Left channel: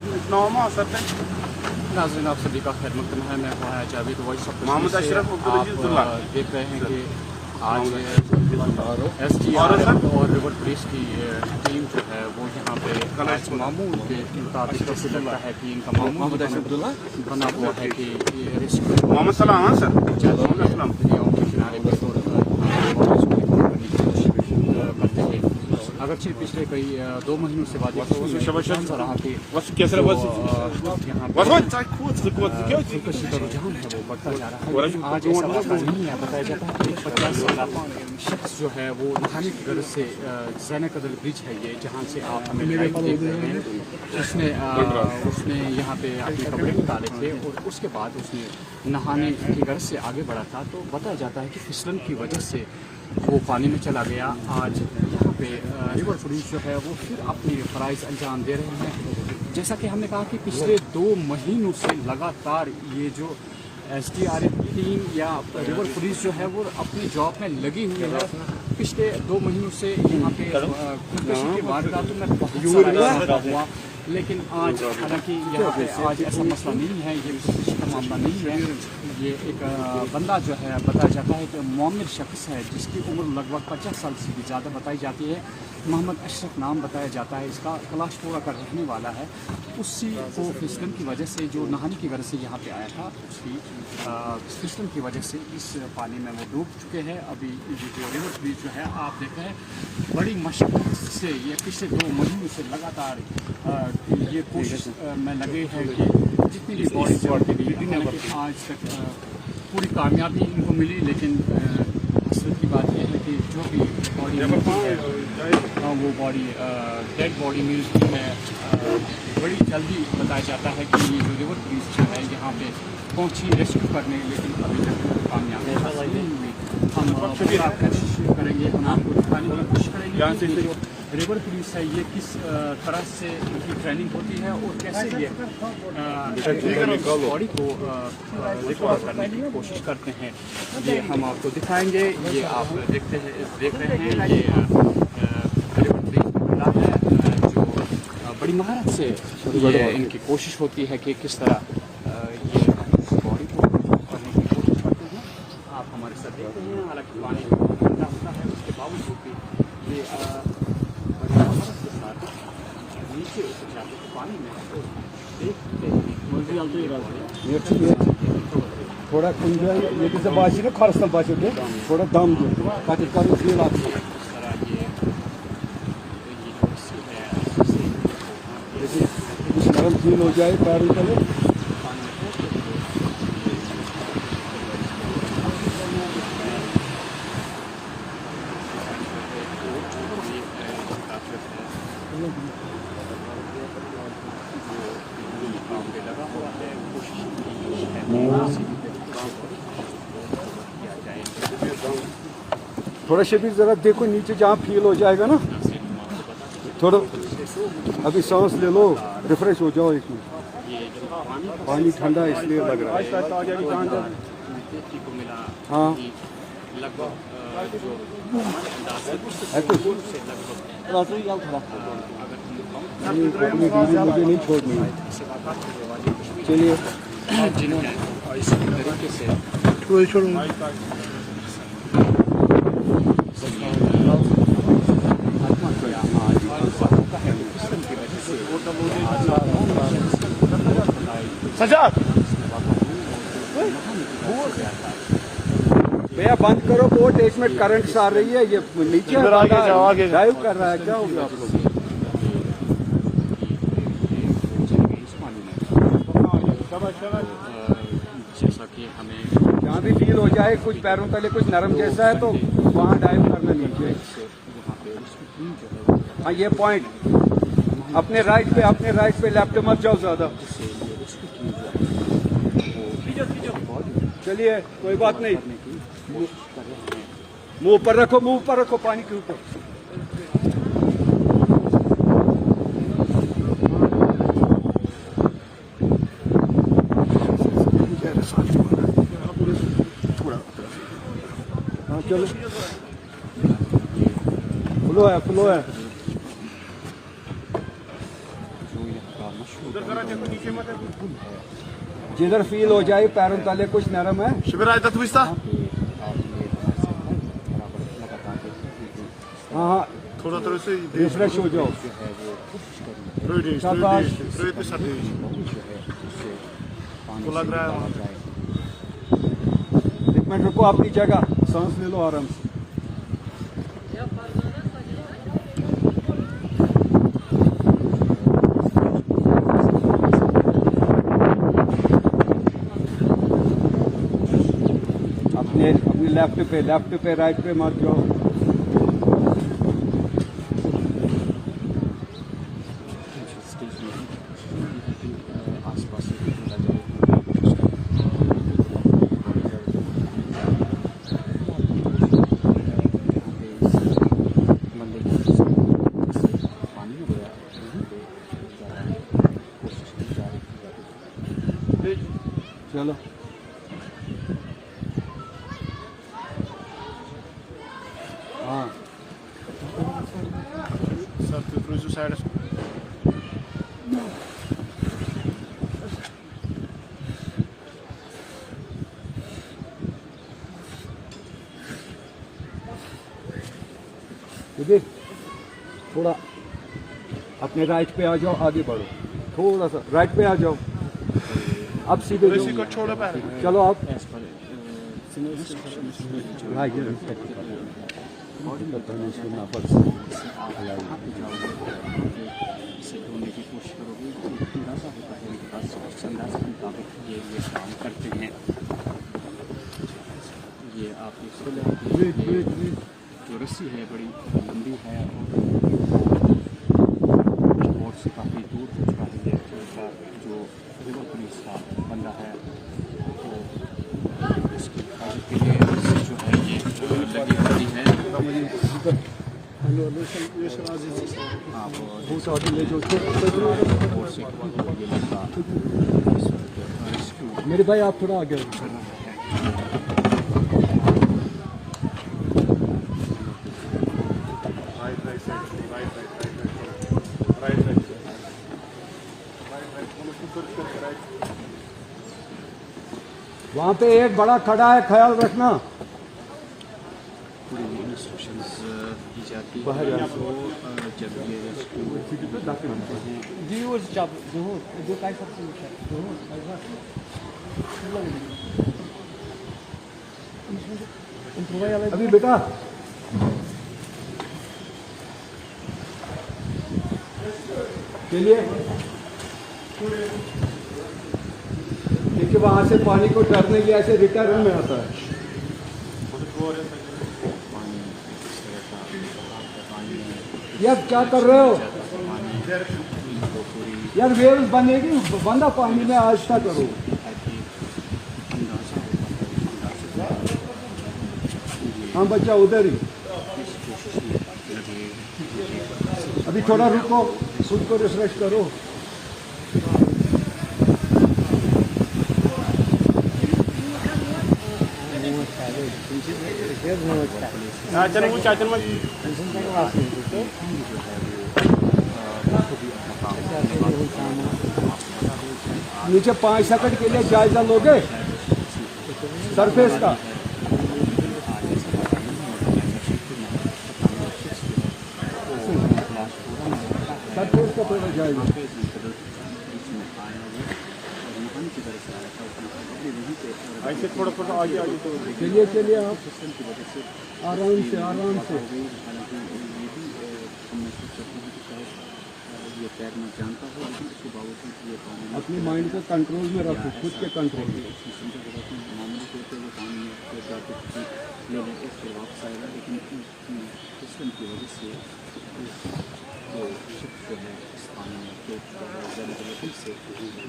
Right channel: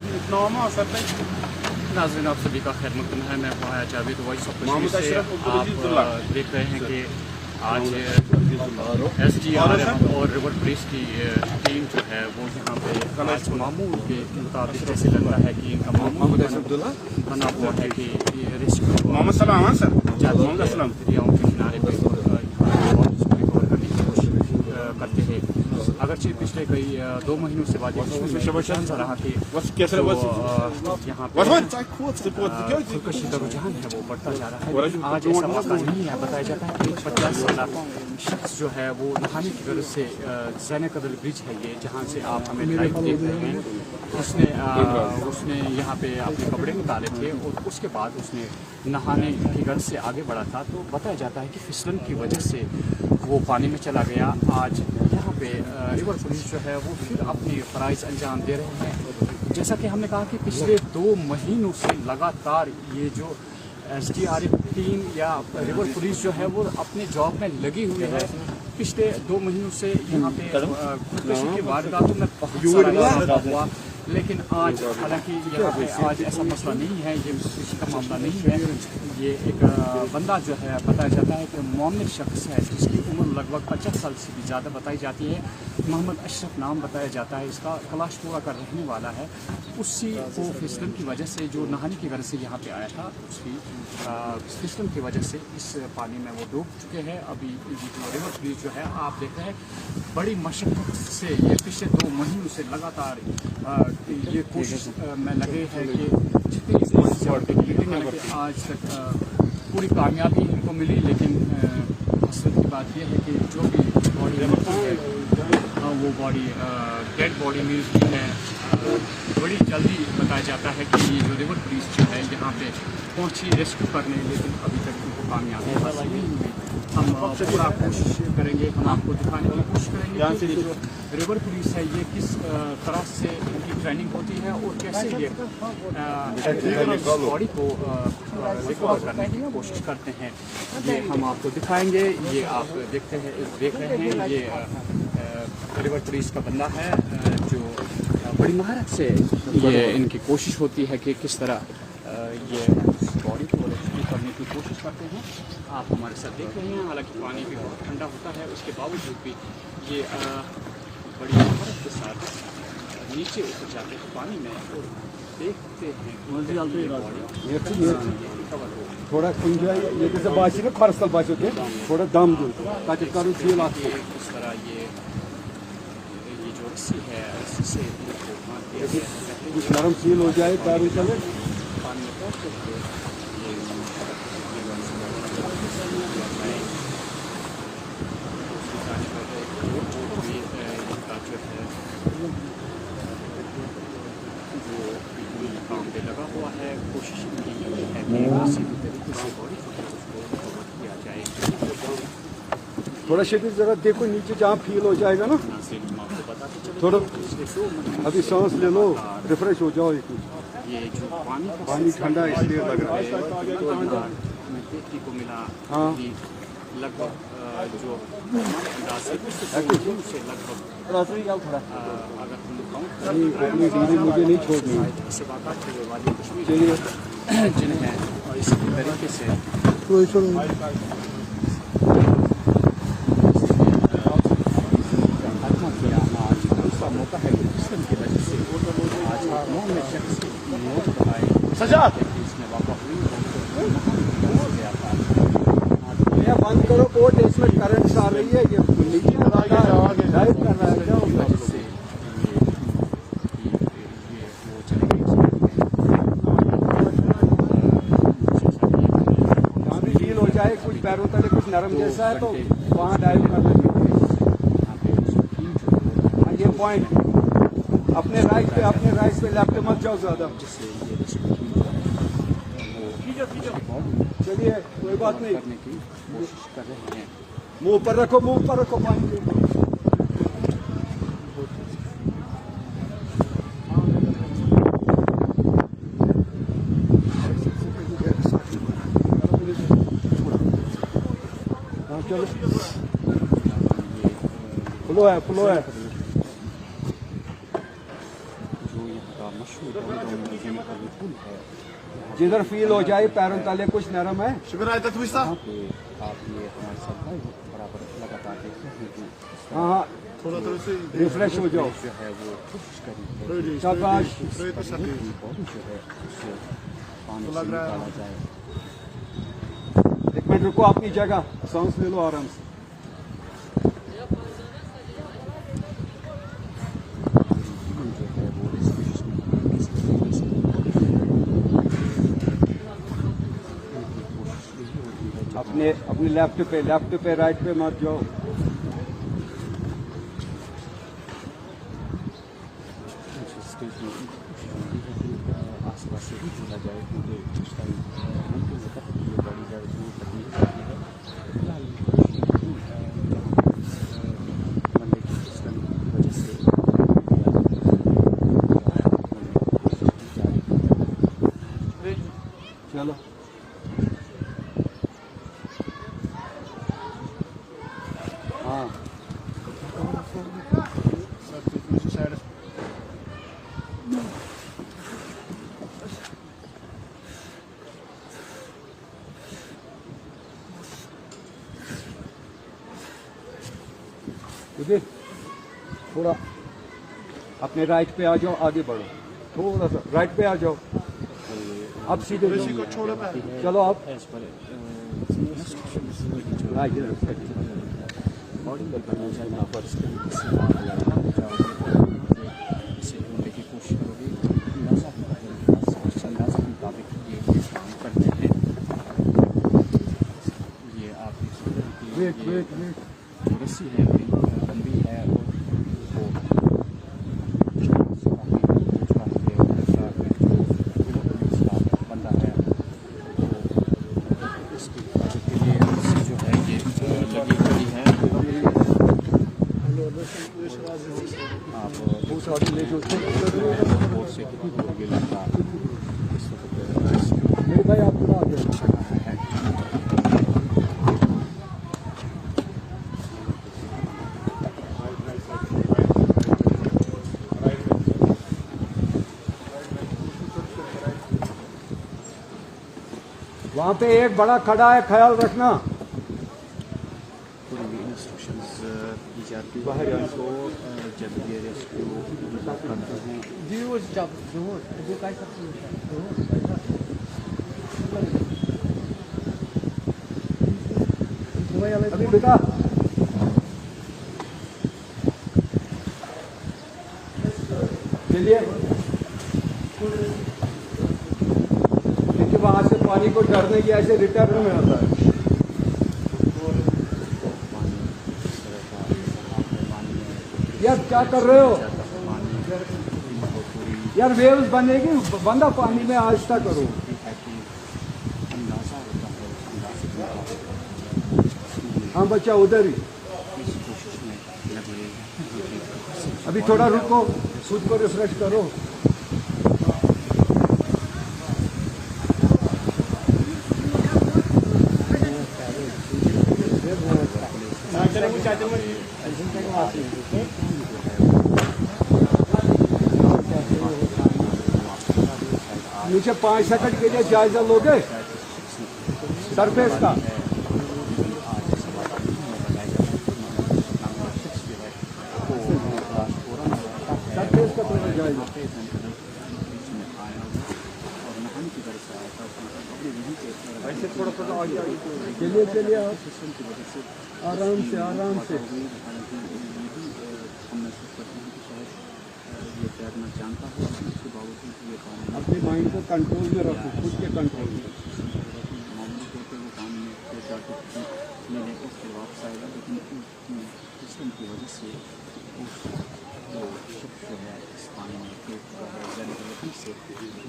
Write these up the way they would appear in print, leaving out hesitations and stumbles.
normal sir नाज़रीन आप सभी का खैर मकदम है। मैं वहाँ जावेद वॉइस ऑफ मोहम्मद से अशरफ आप देख रहे हैं कि आज SDRF और रिवर पुलिस की टीम जो है वो यहाँ पे आज मामूल के मुताबिक जैसे लग रहा है कि इनका मामूल बना हुआ है कि रेस्क्यू मोहम्मद सलाम सर दरियाओं के किनारे पर करते हैं। अगरचे पिछले कई 2 महीनों से बाद रहा कि यहाँ खुदकशी का रुझान है वो बढ़ता जा रहा है, लेकिन आज ऐसा मौका नहीं है। बताया जाता है कि 50 साल शख्स जो है वो नहाने की गर्ज से ज़ैन कदर ब्रिज है ये, जहाँ से आप हमें लाइव देख रहे हैं, उसने यहाँ पे अपने कपड़े उतारे थे और उसके बाद उसने नहाने की गर्ज से आगे बढ़ा था। तो बताया जाता है कि फिसलन की वजह से वो पानी में चला गया। आज यहाँ पे रिवर पुलिस जो है वो फिर अपनी फ़राइज़ अंजाम दे रहे हैं। जैसा कि हमने कहा कि पिछले 2 महीनों से लगातार ये जो SDRF टीम या रिवर पुलिस जो है वो अपने जॉब में लगी हुई है। पिछले 2 महीनों से यहाँ पे खुदकशी की वारदातों में बहुत सारा इजाफा हुआ, लेकिन आज हालांकि यहाँ पे आज ऐसा मसला नहीं है, ये खुदकशी का मामला नहीं है। ये एक बंदा जो है बताया जाता है कि मोमिर शख्स है जिसकी उम्र लगभग 50 साल से भी ज़्यादा बताई जाती है। मोहम्मद अशरफ नाम बताया जाता है इसका, कलाशपुरा का रहने वाला है। उसी को फिसलन की वजह से जो नहाने की गर्ज से यहाँ पे आया था, उसकी फिसलन की वजह से इस पानी में वो डूब चुके हैं। अभी ये जो रिवर पुलिस जो है आप देख रहे हैं बड़ी मशक्क़त से ये पिछले 2 महीनों से लगातार ये कोशिश में लगे हैं कि जितनी भी बॉडी जॉब मिली, हालांकि आज तक पूरी कामयाबी इनको मिली, लेकिन हसरत की बात यह है कि जो भी बॉडी मिलती है वो बॉडी डेड बॉडी मिलती है बड़ी जल्दी। बताया जाता है कि ये जो रिवर पुलिस जो है यहाँ पे पहुँची रेस्क्यू करने, लेकिन अभी तक उनको कामयाबी हासिल नहीं हुई। हम पूरा कोशिश करेंगे, हम आपको दिखाने की कोशिश करेंगे कि जो रिवर पुलिस है ये किस तरह से इनकी ट्रेनिंग होती है और कैसे ये बॉडी को रिकवर करने की कोशिश करते हैं। ये हम आपको दिखाएंगे। ये आप देख रहे हैं ये रिवर पुलिस का बंदा है जो बड़ी महारत से ये इनकी कोशिश होती है कि किस तरह ये बॉडी को रिकवर करने की कोशिश करते हैं। आप हमारे साथ देख रहे हैं, हालांकि पानी में बहुत ठंडा होता है, उसके बावजूद भी ये बड़ी महारत के साथ नीचे उतर जाते हैं पानी में और थोड़ा एंजॉय ये किसी बात ना खर्च बात थोड़ा दम दो ताकि कर फील आती है। इस तरह ये जो रस्सी है इससे कुछ नरम फील हो जाए पैरों के लिए पानी में पहुँचते काम पे लगा हुआ है। कोशिश है किसी भी तरीके से किया जाए। थोड़ा शबीर जरा देखो नीचे जहाँ फील हो जाएगा ना, थोड़ा अभी सांस ले लो, रिफ्रेश हो जाओ। ये जो पानी ठंडा इसलिए लग रहा है। देखने को मिला हाँ कि लगभग जो थोड़ा अगर मुझे नहीं छोड़नी है। चलिए जिन है और इसी तरीके से छोड़ूंगा भैया बंद करो बोट, इसमें करंट आ रही है, ये नीचे ड्राइव कर रहा है क्या जहाँ भी फील हो जाए कुछ पैरों तले कुछ नरम जैसा है तो वहाँ डाइव करना नीचे। हाँ ये पॉइंट अपने राइट पे लेफ्ट मत जाओ ज्यादा। चलिए कोई बात नहीं, मुंह पर रखो पानी के ऊपर। चलो खुलो है जो यहाँ का मशहूर जिधर फील हो जाए पैरों तले कुछ नरम है, हाँ थोड़ा थोड़ा से रिफ्रेश हो जाओ। शाबाश। एक मिनट रुको, आपकी जगह सांस ले लो आराम से। अपने लेफ्ट पे राइट पे मत जाओ। चलो हाँ उधर थोड़ा अपने राइट पे आ जाओ, आगे बढ़ो थोड़ा सा, राइट पे आ जाओ, अब सीधे चलो आप ये आप रस्सी है लंबी है और से काफ़ी दूर तक चुका है, जैसा जो बंदा है तो इसकी हिफाजत के लिए रस्सी जो है ये लगी होती है। आप और से ये बंदा मेरे भाई आप थोड़ा आगे वहाँ पे एक बड़ा खड़ा है, ख्याल रखना। पूरी इंस्ट्रक्शंस दी जाती है तो जब ये रेस्क्यू करते हैं अभी बेटा चलिए, क्योंकि वहां से पानी को डरने की ऐसे रिटर्न में आता है। यार क्या कर रहे हो यार, वेव्स बनेगी, बंदा पानी में आस्था करो। हाँ बच्चा उधर ही, अभी थोड़ा रुको, खुद को रिफ्रेश करो। नीचे 5 सेकंड के लिए जायजा लोगे सरफेस का? सरफेस का थोड़ा जायजा। चलिए चलिए आराम से आराम से। ये तैरना जानता हो लेकिन उसके बावजूद ये पानी अपने माइंड को कंट्रोल में रखो, खुद के कंट्रोल में। मामूली तौर पर वो पानी में ले लेकर फिर वापस आएगा, लेकिन सिस्टम की वजह से वो शिप जो है इस पानी में से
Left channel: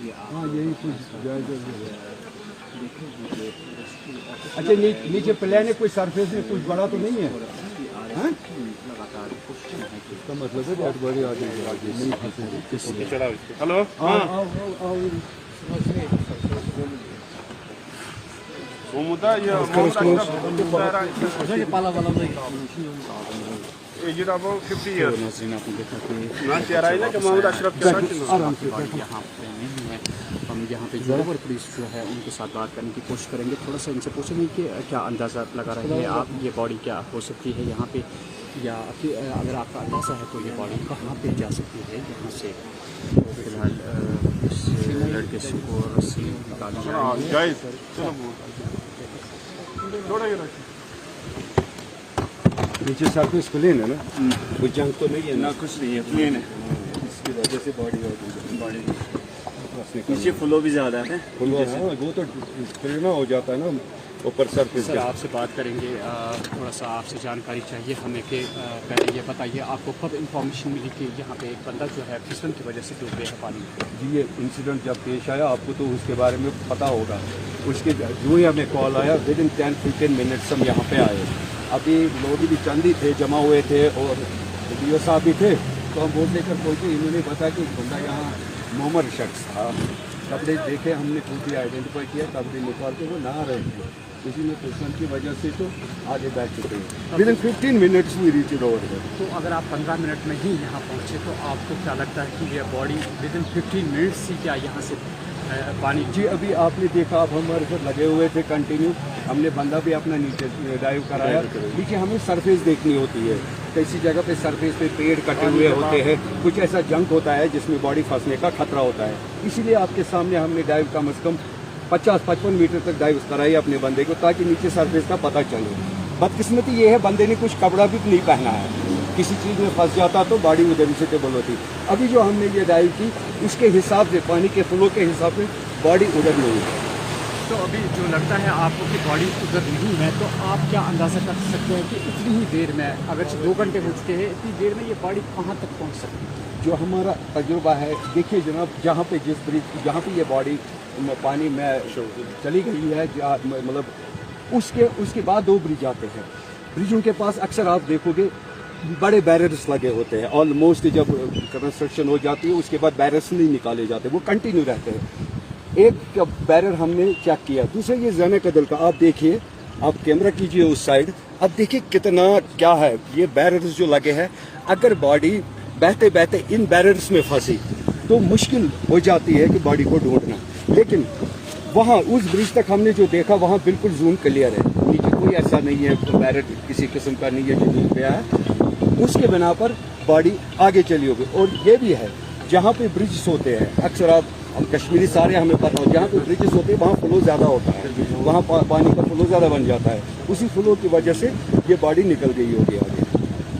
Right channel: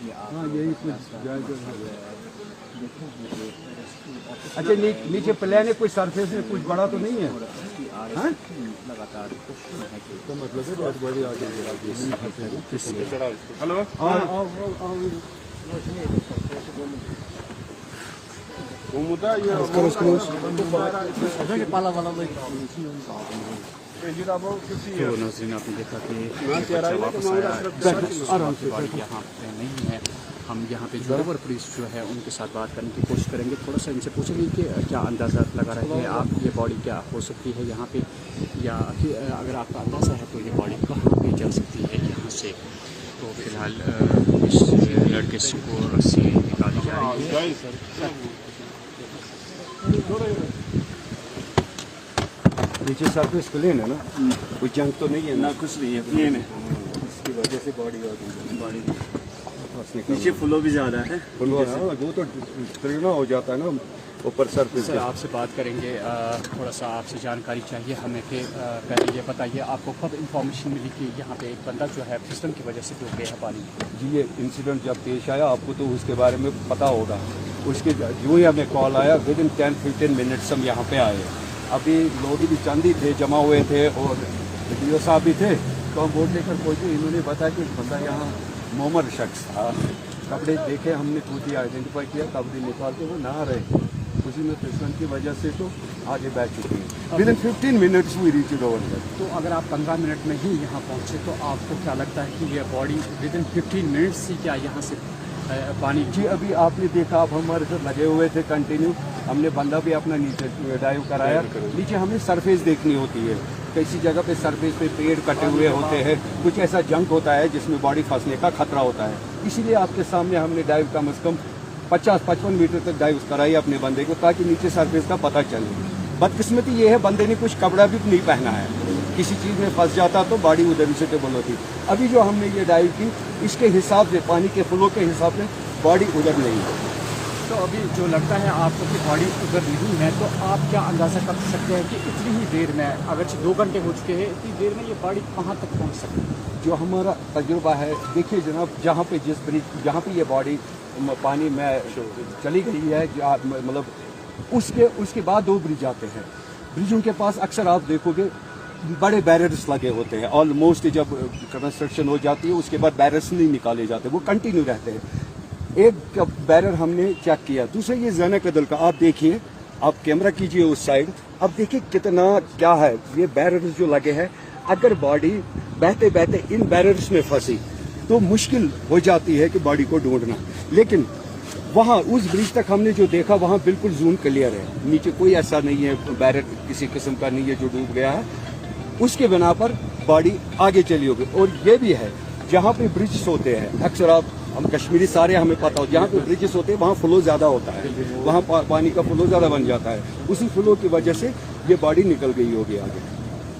ये आप यही कुछ जायजा देखें कि अच्छा नीचे प्लेन है, कोई सरफेस में कुछ बड़ा तो नहीं है? लगातार कोशिश है कि मतलब है बहुत बड़ी आगे हेलो हाँ वो मुद्दा ये तो नाज़रीन आपने देखा कि आराम से यहाँ पे नहीं है। हम यहाँ पे जोवर पुलिस जो है उनके साथ बात करने की कोशिश करेंगे, थोड़ा सा इनसे पूछेंगे कि क्या अंदाज़ा लगा रहे हैं आप, ये बॉडी क्या हो सकती है यहाँ पे, या फिर अगर आपका अंदाज़ा है तो ये बॉडी कहाँ पे जा सकती है यहाँ से। तो फिलहाल इस लड़के को रस्सी निकाली जा रही है। नीचे सरफेस क्लीन है ना, कोई जंग तो नहीं है ना, कुछ नहीं है, प्लेन है। इसकी वजह से बॉडी नीचे फ्लो भी ज़्यादा है, वो तो प्रेरणा हो जाता है ना ऊपर सरफेस से। आपसे बात करेंगे, थोड़ा सा आपसे जानकारी चाहिए हमें कि पहले ये बताइए आपको कब इंफॉर्मेशन मिली कि यहाँ पे एक बंदा जो है फिसलन की वजह से डूब गया है पानी में? जी, ये इंसिडेंट जब पेश आया आपको तो उसके बारे में पता होगा। उसके जो ही हमें कॉल आया, विद इन 10-15 मिनट्स हम यहाँ पे आए। अभी लोग भी चंद ही थे, जमा हुए थे, और वीडियो साहब भी थे, तो हम बोल लेकर पहुँचे। इन्होंने बताया कि एक बंदा यहाँ मोमर शख्स था, कपड़े देखे, हमने खुद ही आइडेंटिफाई किया, कपड़े निकाल के वो नहा रहे थे, उसी में फिसलन की वजह से तो आगे बैठ चुके हैं। विद इन 15 मिनट्स हुई रीच ओवर। तो अगर आप 15 मिनट में ही यहाँ पहुँचे तो आपको क्या लगता है कि ये बॉडी विद इन 15 मिनट्स ही क्या यहाँ से पानी? जी, अभी आपने देखा, आप हमारे साथ लगे हुए थे कंटिन्यू, हमने बंदा भी अपना नीचे डाइव कराया। नीचे हमें सरफेस देखनी होती है, किसी जगह पे सरफेस पे पेड़ कटे हुए होते हैं, कुछ ऐसा जंक होता है जिसमें बॉडी फंसने का खतरा होता है। इसीलिए आपके सामने हमने डाइव कम से कम 50-55 मीटर तक डाइव कराई अपने बंदे को, ताकि नीचे सरफेस का पता चले। बदकिस्मती ये है, बंदे ने कुछ कपड़ा भी नहीं पहना है, किसी चीज़ में फंस जाता तो बॉडी उधर से टेबल होती। अभी जो हमने ये डाइव की, इसके हिसाब से, पानी के फ्लो के हिसाब से बॉडी उधर नहीं है। तो अभी जो लगता है आपको कि बॉडी उधर नहीं है, तो आप क्या अंदाज़ा कर सकते हैं कि इतनी ही देर में, अगर 2 घंटे हो चुके हैं, इतनी देर में ये बॉडी कहाँ तक पहुँच सकती है? जो हमारा तजुर्बा है, देखिए जनाब, जहाँ पे जिस ब्रिज, जहाँ पे ये बॉडी पानी में चली गई है, मतलब उसके बाद 2 ब्रिज आते हैं। ब्रिजों के पास अक्सर आप देखोगे बड़े बैरियर्स लगे होते हैं। ऑलमोस्ट जब कंस्ट्रक्शन हो जाती है उसके बाद बैरियर्स नहीं निकाले जाते, वो कंटिन्यू रहते हैं। एक बैरियर हमने चेक किया, दूसरा ये ज़ाना कदल का, आप देखिए, आप कैमरा कीजिए उस साइड, अब देखिए कितना क्या है, ये बैरियर्स जो लगे हैं। अगर बॉडी बहते बहते इन बैरियर्स में फंसी तो मुश्किल हो जाती है कि बॉडी को ढूंढना। लेकिन वहाँ उस ब्रिज तक हमने जो देखा, वहाँ बिल्कुल जून क्लियर है, नीचे कोई ऐसा नहीं है, बैरियर किसी किस्म का नहीं है जो डूब गया है। उसके बिना पर बॉडी आगे चली होगी। और ये भी है, जहाँ पे ब्रिज होते हैं, अक्सर आप, हम कश्मीरी सारे हमें पता हो, जहाँ पे ब्रिजेस होते हैं वहाँ फ्लो ज़्यादा होता है, वहाँ पानी का फ्लो ज़्यादा बन जाता है, उसी फ्लो की वजह से ये बॉडी निकल गई होगी आगे।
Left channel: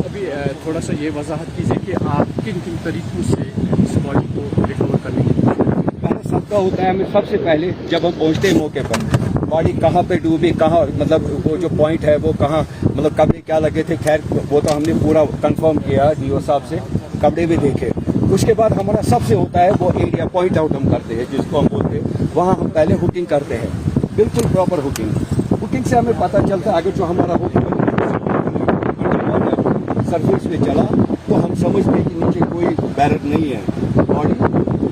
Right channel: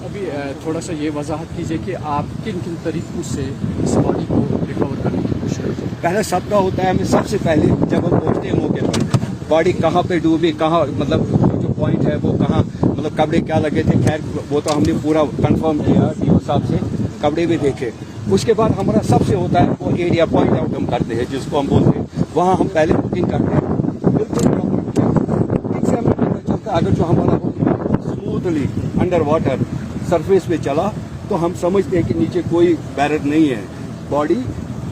अभी थोड़ा सा ये वजाहत कीजिए कि आप किन किन तरीकों से इस बॉडी को रिकवर करने की कोशिश करते हैं? पहले सबका होता है, हमें सबसे पहले जब हम पहुँचते हैं मौके पर, बॉडी कहाँ पे डूबी, कहाँ, मतलब वो जो पॉइंट है वो कहाँ, मतलब कपड़े क्या लगे थे, खैर वो तो हमने पूरा कंफर्म किया डीओ साहब से, कपड़े भी देखे। उसके बाद हमारा सबसे होता है वो एरिया पॉइंट आउट हम करते हैं, जिसको हम बोलते हैं, वहाँ हम पहले बुकिंग करते हैं, बिल्कुल प्रॉपर बुकिंग से हमें पता चलता है। अगर जो हमारा स्मूथली अंडर वाटर सरफेस पे चला तो हम समझते हैं कि नीचे कोई बैरियर नहीं है, बॉडी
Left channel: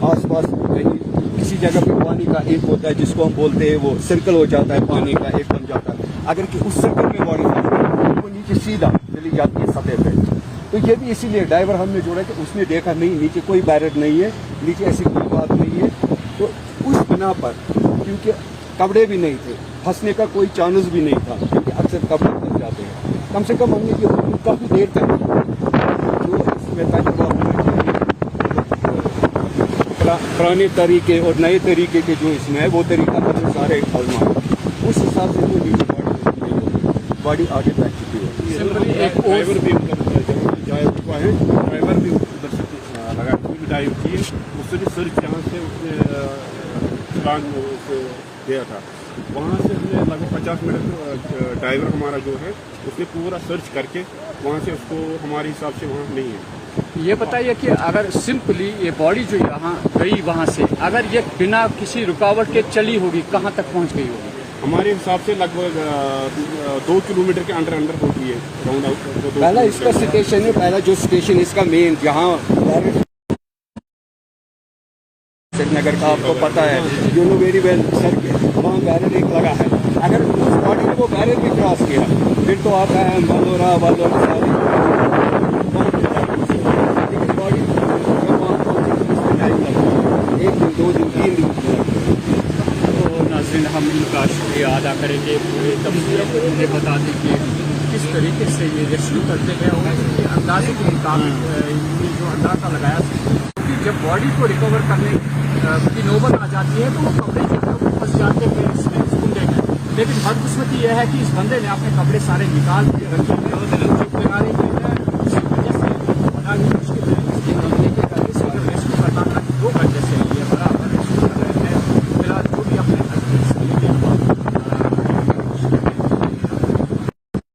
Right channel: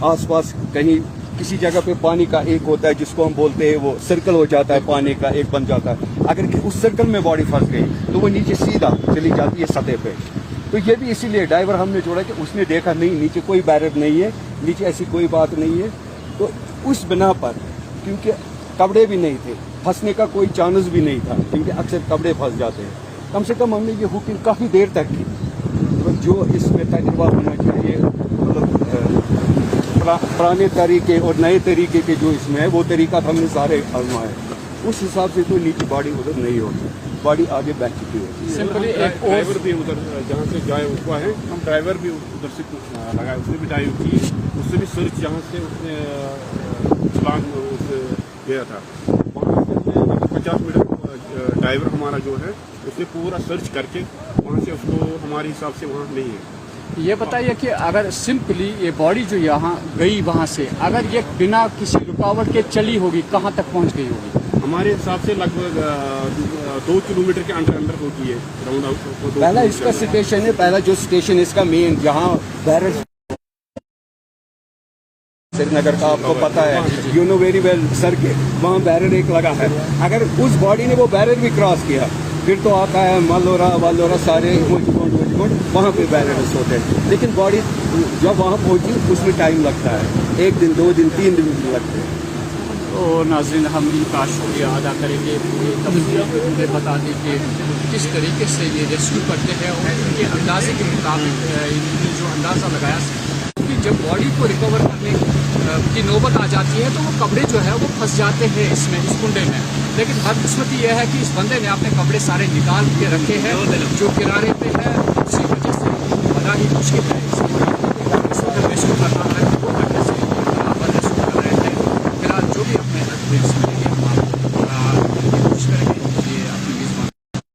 आसपास कहीं किसी जगह पे पानी का एक होता है जिसको हम बोलते हैं, वो सर्कल हो जाता है, पानी का एक बन जाता है। अगर कि उस सर्कल में बॉडी फंस गई तो वो नीचे सीधा चली जाती है सतह पे। तो ये भी इसीलिए ड्राइवर हमने जोड़ा कि उसने देखा नहीं, नीचे कोई बैरियर नहीं है, नीचे ऐसी कोई बात नहीं है। तो उस बिना पर, क्योंकि कपड़े भी नहीं थे, फंसने का कोई चांस भी नहीं था, क्योंकि अक्सर कपड़े फंस जाते हैं। कम से कम हमने ये बुकिंग काफ़ी देर तक की। जो इसमें तजुर्बा होना चाहिए, पुराने तरीके और नए तरीके के जो इसमें है, वो तरीका तो हमने सारे आजमाए। उस हिसाब से तो नीचे बॉडी उधर नहीं होगी, बॉडी आगे बैठ चुकी होगी। ड्राइवर भी उधर जहाँ से गायब हुआ है, ड्राइवर भी उधर से लगा, उसने भी डाइव की, उससे भी सर्च जहाँ से उसने छलांग गया था, वहाँ से लगभग 50 मिनट ड्राइवर हमारा जो है उसने पूरा सर्च करके वहाँ से उसको हमारे हिसाब से वहाँ नहीं है। ये बताइए कि अगर सिंपली ये बॉडी जो यहाँ गई वहाँ से, अगर ये बिना किसी रुकावट के चली होगी, कहाँ तक पहुँच गई होगी? हमारे हिसाब से लगभग 2 किलोमीटर के अंडर होती है राउंड आउट। पहला इसका स्टेशन है, पहला जो स्टेशन इसका मेन, जहाँ श्रीनगर का आपको पता है, you know very well sir, वहाँ बैरियर एक लगा है। अगर उस बॉडी ने वो बैरियर भी क्रॉस किया, फिर तो आता है वालोरा सारे वहाँ पे बैलेंस होते हैं, लेकिन बॉडी जब वहाँ पहुँची उसमें टाइम लगता है, 1 दिन 2 दिन 3 दिन लगते हैं। तो नाज़रीन हम इनका शुक्रिया अदा करेंगे, पूरे तफसील हमें बता दें कि किस तरीके से ये रेस्क्यू करते हैं और उनके अंदाजे के मुताबिक इन्होंने जो अंदाज़ा लगाया कि जब बॉडी को रिकवर करने की नौबत आ जाती है तो वो कपड़े जो है वो फंस जाते हैं इसमें, इस कुंडे में। लेकिन बदकिस्मती यह है कि इस बंदे ने अपने कपड़े सारे निकाल के रखे हैं जो किनारे पे है, उसी वजह से बड़ा ही मुश्किल है इसको